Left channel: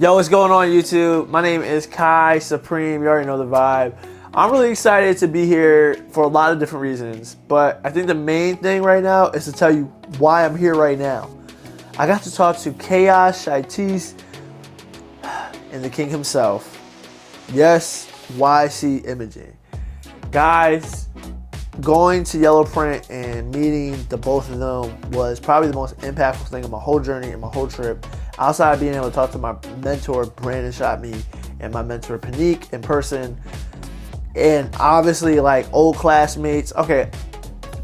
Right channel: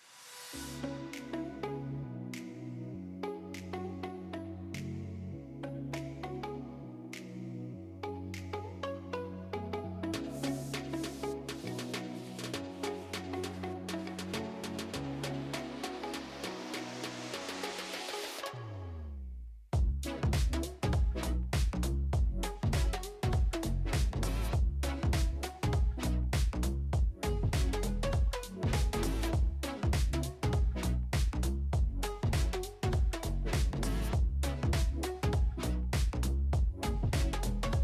Yo, what's going on YouTube? My name is Kai Supreme. You already know the vibe. I'm really excited to be here for a lot of different reasons, but I think the main thing right now is to tell you why I'm here right now. I got to talk to Chaos, Chytist, and the king himself. Yes, Ycimaging. Guys, going to Yellow Print and meeting the both of them was probably the most impactful thing of my whole journey and my whole trip. Outside of being able to talk to my mentor, Brandon shot me, and my mentor, Panique, in person. And obviously, like, old classmates. Okay,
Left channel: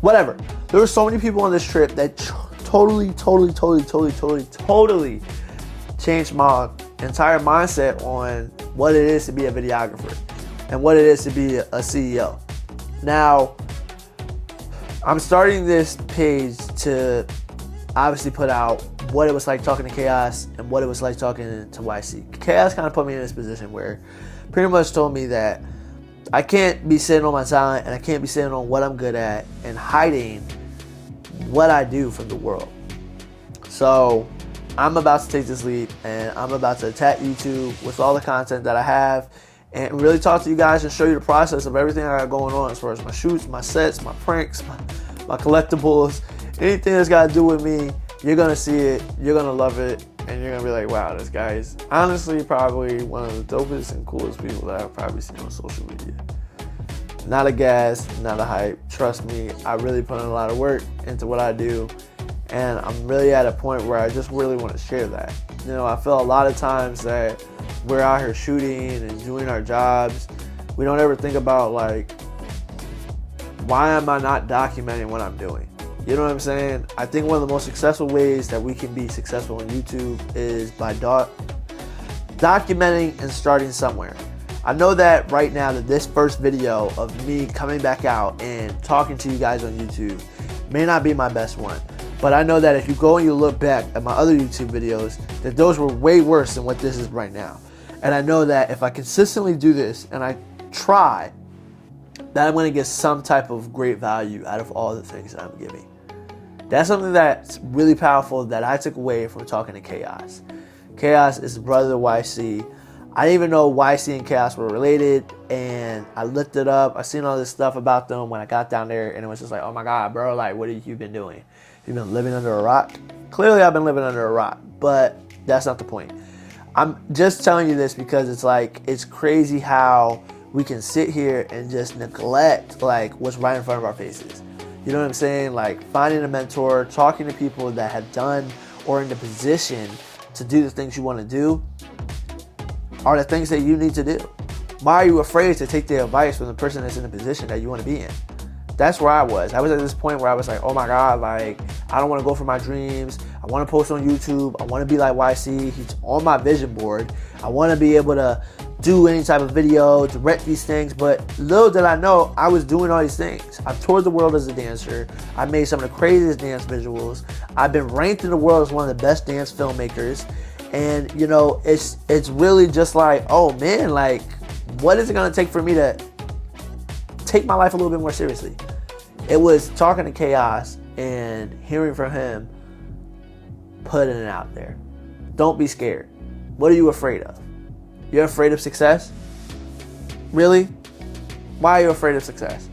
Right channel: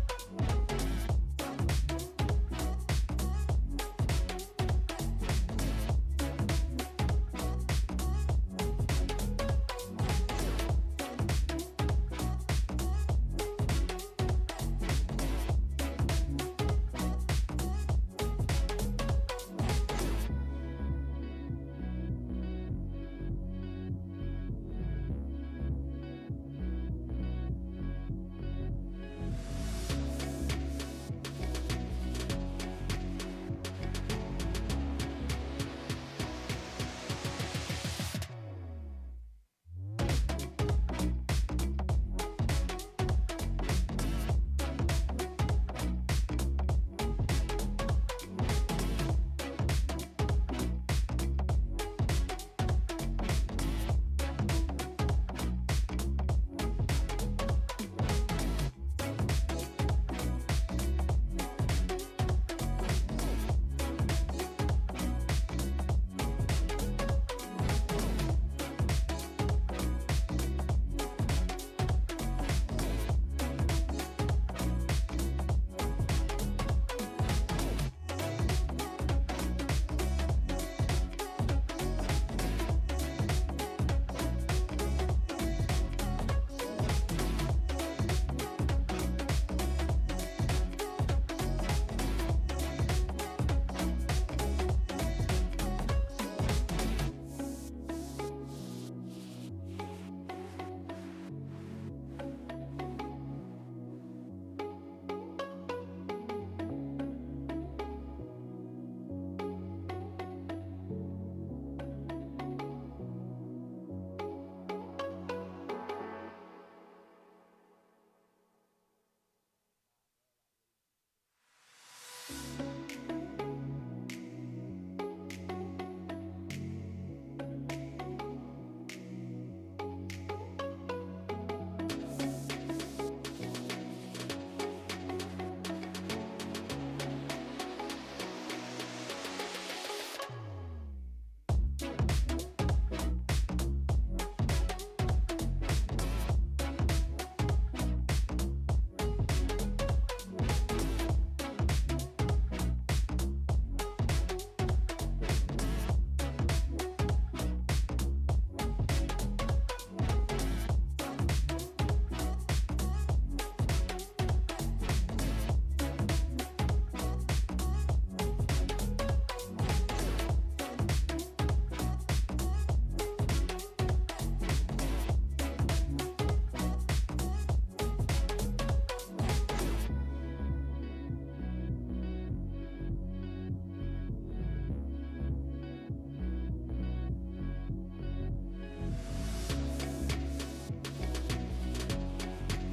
whatever. There were so many people on this trip that totally changed my entire mindset on what it is to be a videographer and what it is to be a CEO. Now, I'm starting this page to obviously put out what it was like talking to Chaos and what it was like talking to YC. Chaos kind of put me in this position where pretty much told me that I can't be sitting on my talent and I can't be sitting on what I'm good at and hiding what I do from the world. So I'm about to take this leap and I'm about to attack YouTube with all the content that I have and really talk to you guys and show you the process of everything I got going on as far as my shoots, my sets, my pranks, my collectibles, anything that's got to do with me. You're going to see it, you're going to love it, and you're going to be like, wow, this guy is honestly probably one of the dopest and coolest people that I've probably seen on social media. Not a gas, not a hype. Trust me, I really put in a lot of work into what I do, and I'm really at a point where I just really want to share that. You know, I feel a lot of times that we're out here shooting and doing our jobs. We don't ever think about, like, why am I not documenting what I'm doing? You know what I'm saying? I think one of the most successful ways that we can be successful on YouTube is by documenting and starting somewhere. I know that right now that this first video of me coming back out and talking to you guys on YouTube may not be my best one. But I know that if you go and you look back at my other YouTube videos, that those were way worse than what this is right now. And I know that if I consistently do this and I try, that I'm going to get some type of great value out of all the things that I'm giving. That's something that's really powerful that I took away from talking to Chaos. Chaos is the brother of YC. I didn't even know YC and Chaos were related, and I looked it up. I seen all this stuff about them when I got down there, and it was just like, oh my God, bro, like, what have you been doing? You've been living under a rock? Clearly, I've been living under a rock, but that's not the point. I'm just telling you this because it's like, it's crazy how we can sit here and just neglect, like, what's right in front of our faces. You know what I'm saying? Like, finding a mentor, talking to people that have done or in the position to do the things you want to do are the things that you need to do. Why are you afraid to take the advice from the person that's in the position that you want to be in? That's where I was. I was at this point where I was like, oh my God, like, I don't want to go for my dreams. I want to post on YouTube. I want to be like YC. He's on my vision board. I want to be able to do any type of video, direct these things, but little did I know I was doing all these things. I've toured the world as a dancer. I made some of the craziest dance visuals. I've been ranked in the world as one of the best dance filmmakers. And you know, it's really just like, oh man, like, what is it gonna take for me to take my life a little bit more seriously? It was talking to Chaos and hearing from him, putting it out there. Don't be scared. What are you afraid of? You're afraid of success? Really? Why are you afraid of success?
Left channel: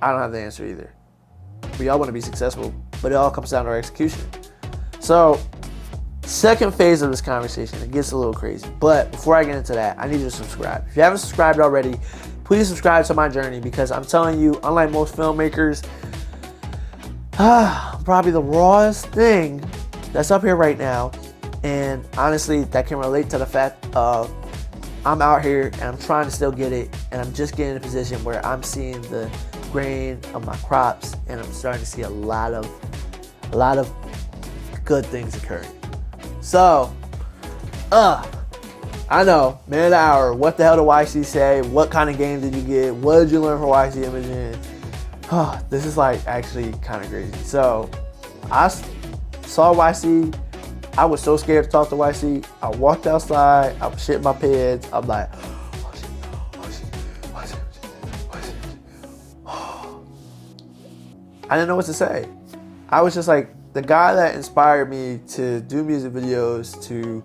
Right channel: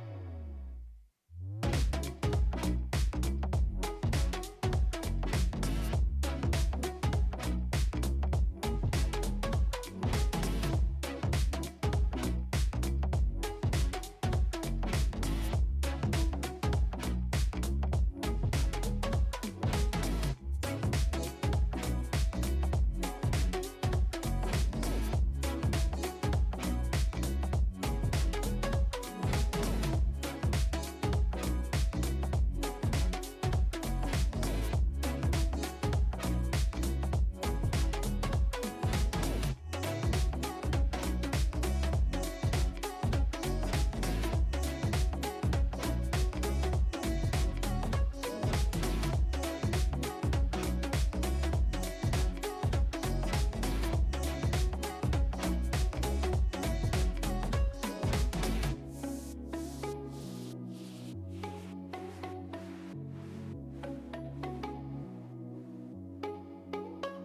I don't have the answer either. We all want to be successful, but it all comes down to our execution. So, second phase of this conversation, it gets a little crazy. But before I get into that, I need you to subscribe. If you haven't subscribed already, please subscribe to my journey because I'm telling you, unlike most filmmakers, probably the rawest thing that's up here right now, and honestly, that can relate to the fact of I'm out here and I'm trying to still get it, and I'm just getting in a position where I'm seeing the grain of my crops, and I'm starting to see a lot of good things occurring. So, I know, man of the hour, what the hell did YC say? What kind of game did you get? What did you learn from Ycimaging? This is like actually kind of crazy. So, I saw YC. I was so scared to talk to YC. I walked outside. I was shitting my pants. I'm like, I didn't know what to say. I was just like the guy that inspired me to do music videos, to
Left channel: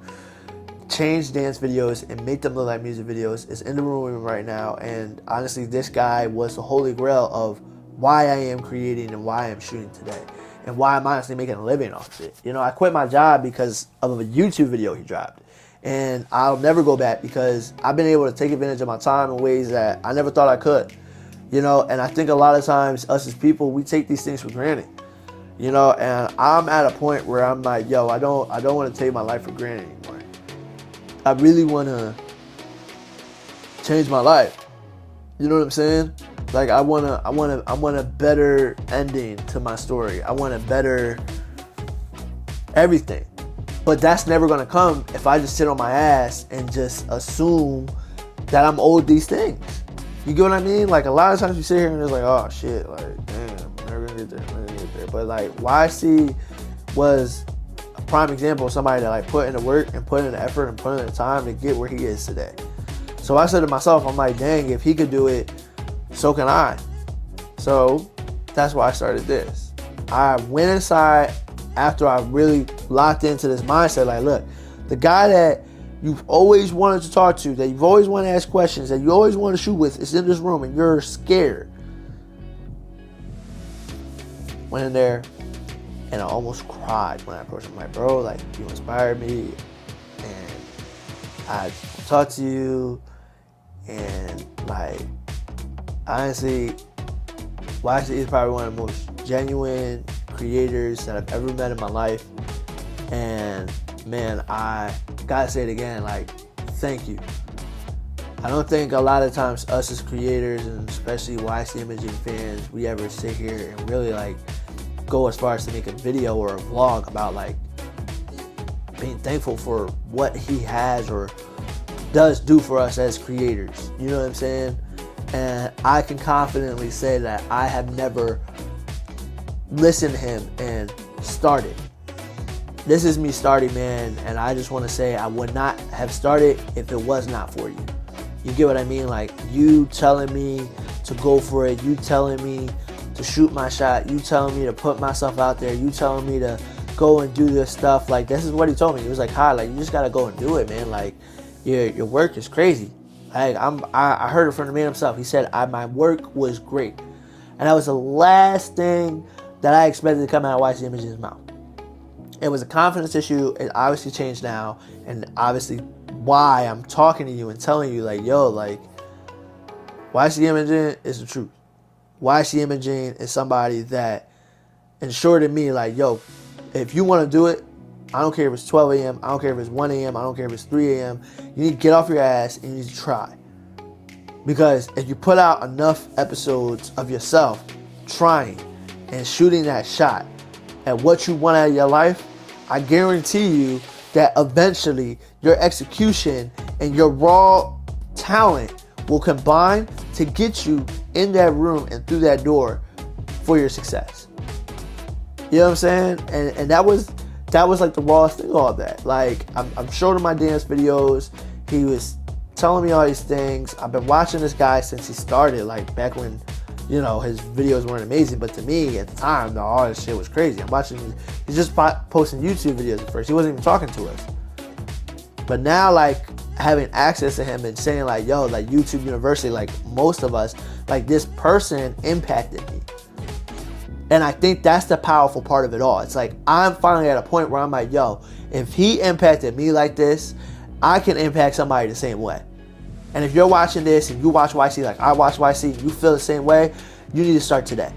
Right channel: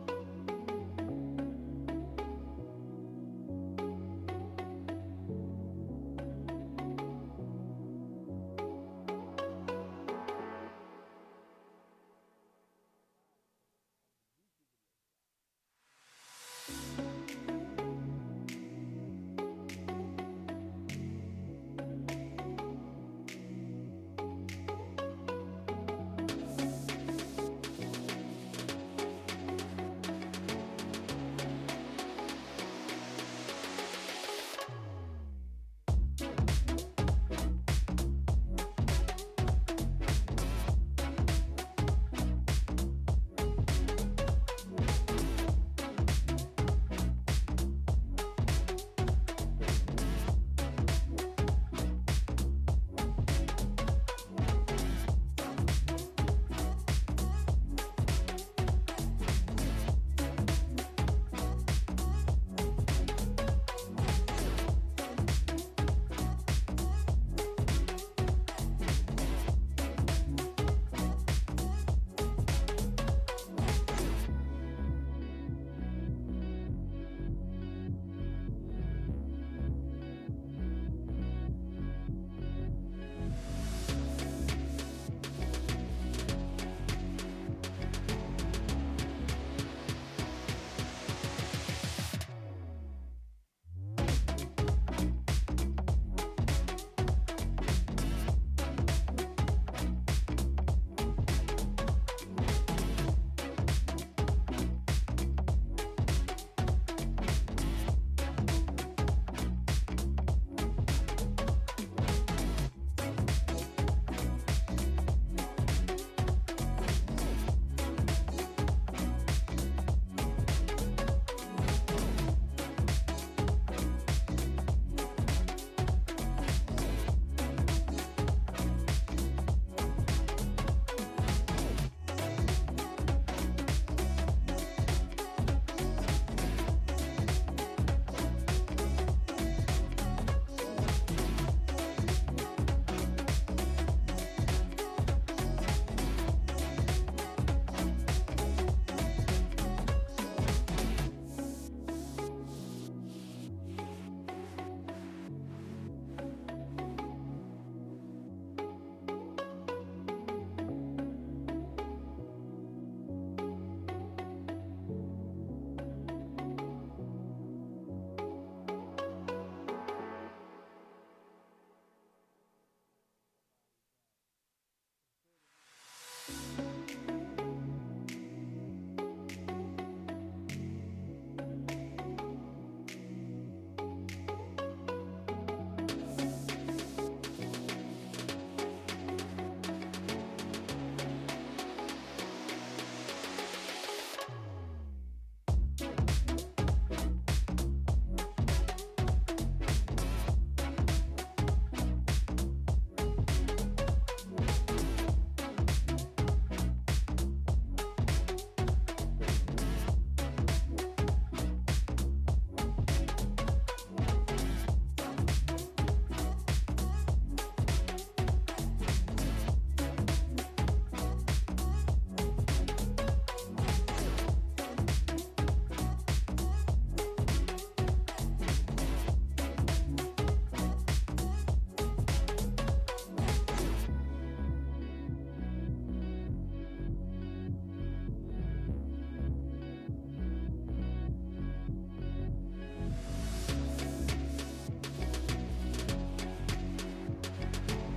change dance videos and make them look like music videos, is in the room with me right now. And honestly, this guy was the holy grail of why I am creating and why I'm shooting today, and why I'm honestly making a living off of it. You know, I quit my job because of a YouTube video he dropped, and I'll never go back because I've been able to take advantage of my time in ways that I never thought I could. You know, and I think a lot of times us as people, we take these things for granted. You know, and I'm at a point where I'm like, yo, I don't want to take my life for granted anymore. I really want to change my life. You know what I'm saying? Like, I want a better ending to my story. I want a better everything. But that's never going to come if I just sit on my ass and just assume that I'm owed these things. You get what I mean? Like, a lot of times you sit here and it's like, oh shit, like, damn, I'm never gonna get there. But like, YC was a prime example of somebody that like put in the work and put in the effort and put in the time to get where he is today. So I said to myself, I'm like, dang, if he could do it, so can I. So that's why I started this. I went inside after I really locked into this mindset, like, look, the guy that you've always wanted to talk to, that you've always wanted to ask questions, that you always want to shoot with, is in this room and you're scared. Went in there and I almost cried when I approached him. Like, bro, like, you inspired me and I talked to you, and like, honestly, YC is probably one of the most genuine creators that I've ever met in my life. And man, I gotta say it again, like, thank you. I don't think a lot of times us as creators, and especially Ycimaging fans, we ever sit here and really like go as far as to make a video or a vlog about like being thankful for what he has or does do for us as creators. You know what I'm saying? And I can confidently say that I have never listened to him and started. This is me starting, man, and I just want to say I would not have started if it was not for you. You get what I mean? Like, you telling me to go for it, you telling me to shoot my shot, you telling me to put myself out there, you telling me to go and do this stuff. Like, this is what he told me. He was like, hi, like, you just gotta go and do it, man. Like, your work is crazy. Like, I heard it from the man himself. He said, my work was great. And that was the last thing that I expected to come out of Ycimaging's mouth. It was a confidence issue. It obviously changed now, and obviously why I'm talking to you and telling you, like, yo, like, Ycimaging is the truth. Ycimaging is somebody that ensured in me, like, yo, if you want to do it, I don't care if it's 12 a.m., I don't care if it's 1 a.m., I don't care if it's 3 a.m., you need to get off your ass and you need to try. Because if you put out enough episodes of yourself trying and shooting that shot at what you want out of your life, I guarantee you that eventually your execution and your raw talent will combine to get you in that room and through that door for your success. You know what I'm saying? And that was like the rawest thing of all that. Like, I'm showing him my dance videos. He was telling me all these things. I've been watching this guy since he started, like back when, you know, his videos weren't amazing, but to me at the time, all this shit was crazy. I'm watching, he's just posting YouTube videos at first. He wasn't even talking to us. But now, like, having access to him and saying, like, yo, like, YouTube University, like, most of us, like, this person impacted me. And I think that's the powerful part of it all. It's like, I'm finally at a point where I'm like, yo, if he impacted me like this, I can impact somebody the same way. And if you're watching this and you watch YC like I watch YC, you feel the same way, you need to start today.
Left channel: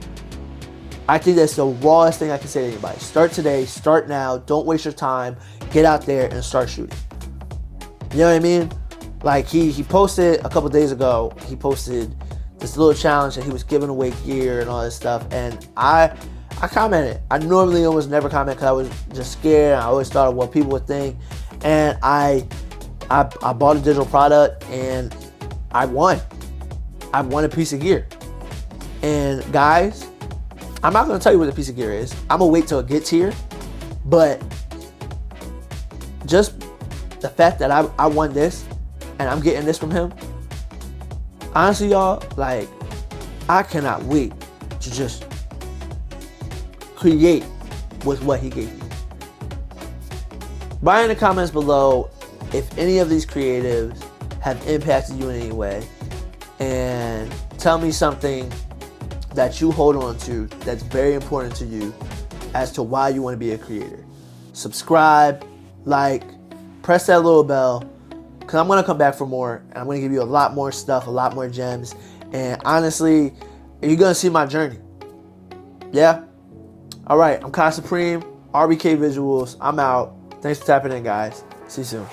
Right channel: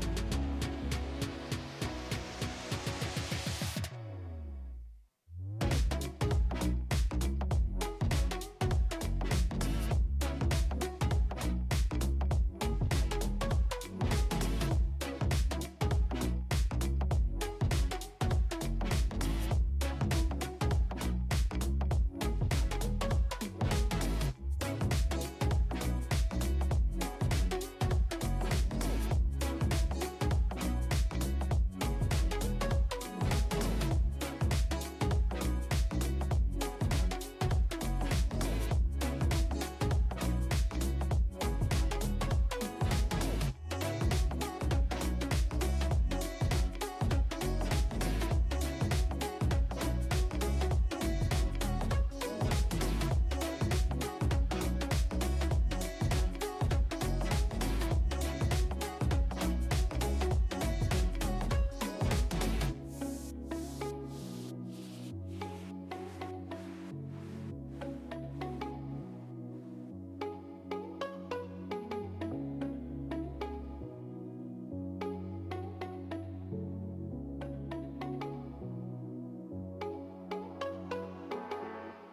I think that's the rawest thing I can say to anybody. Start today, start now, don't waste your time, get out there and start shooting. You know what I mean? Like, he posted a couple days ago, he posted this little challenge that he was giving away gear and all this stuff, and I commented. I normally almost never comment because I was just scared. I always thought of what people would think, and I bought a digital product and I won. I won a piece of gear. And guys, I'm not gonna tell you what the piece of gear is. I'm gonna wait till it gets here. But just the fact that I won this and I'm getting this from him, honestly, y'all, like, I cannot wait to just create with what he gave you. Write in the comments below if any of these creatives have impacted you in any way, and tell me something that you hold on to that's very important to you as to why you want to be a creator. Subscribe, like, press that little bell, because I'm going to come back for more, and I'm going to give you a lot more stuff, a lot more gems, and honestly, you're going to see my journey. Yeah? Alright, I'm Kai Supreme, RBK Visuals. I'm out. Thanks for tapping in, guys. See you soon.